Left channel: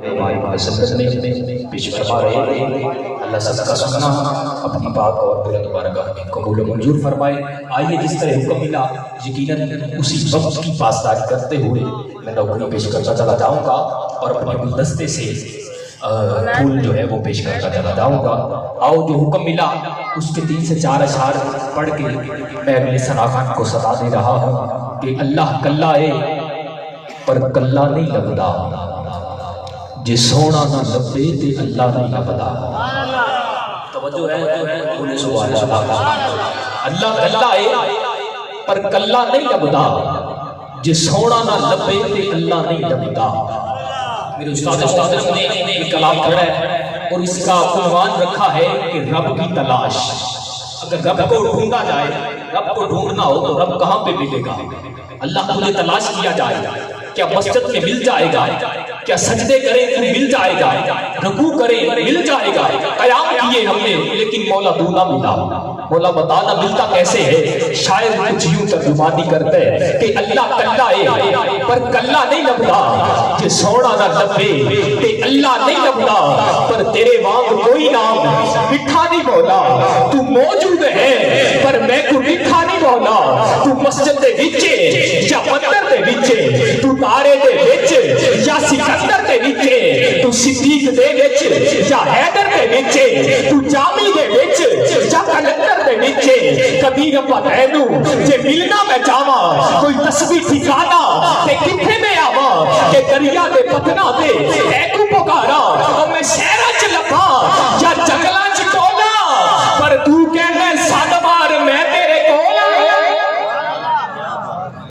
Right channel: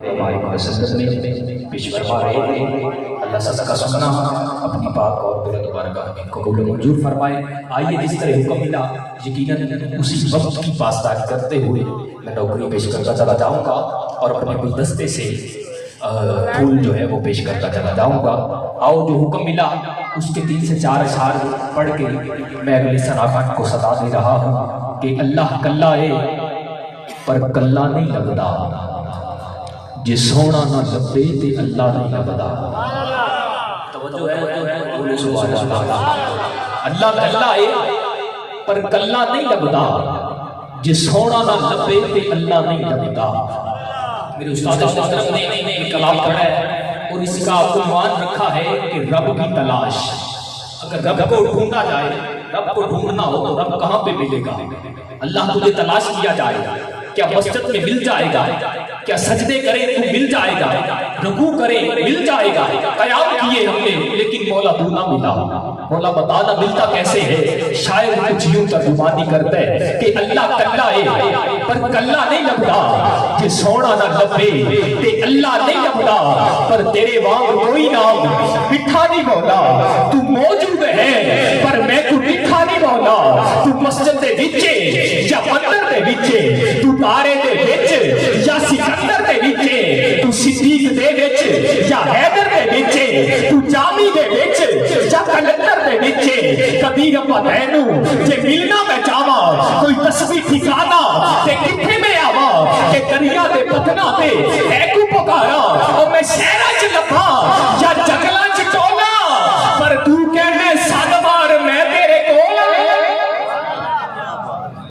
پیش فرما رہے ہیں۔ اللہ سب کا سننا اپنی پاک اور بلند بارگاہ میں قبول و منظور فرمائے۔ آئیے جس طرح حکم ملا یقیناً اسی وقت کی پاسداری کرتے ہوئے میں نوکری پیش کرتا چلا جاؤں گا اور اپنے گلدستے سے پھول جو ہے وہ پیش کرتا چلا جاؤں گا۔ آؤ جو حکم ملا اس کے 3 سے 4 اشعار پڑھ کے میں اگلے سراخان کو صدا دے رہا ہوں کہ اللہ کلا ہے پر کلا نہیں لگتا، جے سونا نہ لبے تے اللہ نہیں لبدا۔ توجہ ہے بولے سبحان اللہ۔ اللہ کلا ہے پر کلا نہیں لبدا، جے سونا نہ لبے تے اللہ نہیں لبدا۔ میرے استاد نے ایک کلام پڑھا ہے اور اس کا عنوان رکھا ہے کہ رب کی تلاش۔ اگر رب کو ڈھونڈا جائے، رب کو ڈھونڈنا ہو تو رب کہاں پہ ملے گا؟ اللہ تجھے تلاش کیا جائے گا، کیا مسجد میں مل جائے گا؟ کیا سجدے کریں تو مل جائے گا؟ رکوع کریں مل جائے گا؟ قیام کیے ہم نے لیکن مولا تو نہ ملا۔ مولا بتانا ملتا کیسے ہے؟ شاید کچھ یوں ترجمانی کرتے ہیں کہ اللہ کلا ہے پر کلا نہیں لبدا، کہ سونا نہ لبے تے اللہ نہیں لبدا، پر تیرے وانگ کوئی نام مٹھا نہیں مولا۔ تو موجود ہے پر میں کو مٹھا نہیں مولا۔ تو مسجد دے وچے یا مندر دے وچے، تو تارے دے وچ یا سکندر دے وچے، تو صدیق دے وچ یا حیدر دے وچے، تو جامی دے وچ یا کلندر دے وچے، کبھی ربا دینو جے ملنا میں چاہواں کوئی تسبیح ٹھکانا تے کتھے میں آواں، کہ دریا دے پتنا تے اے کو پکارا اور میں شہرہ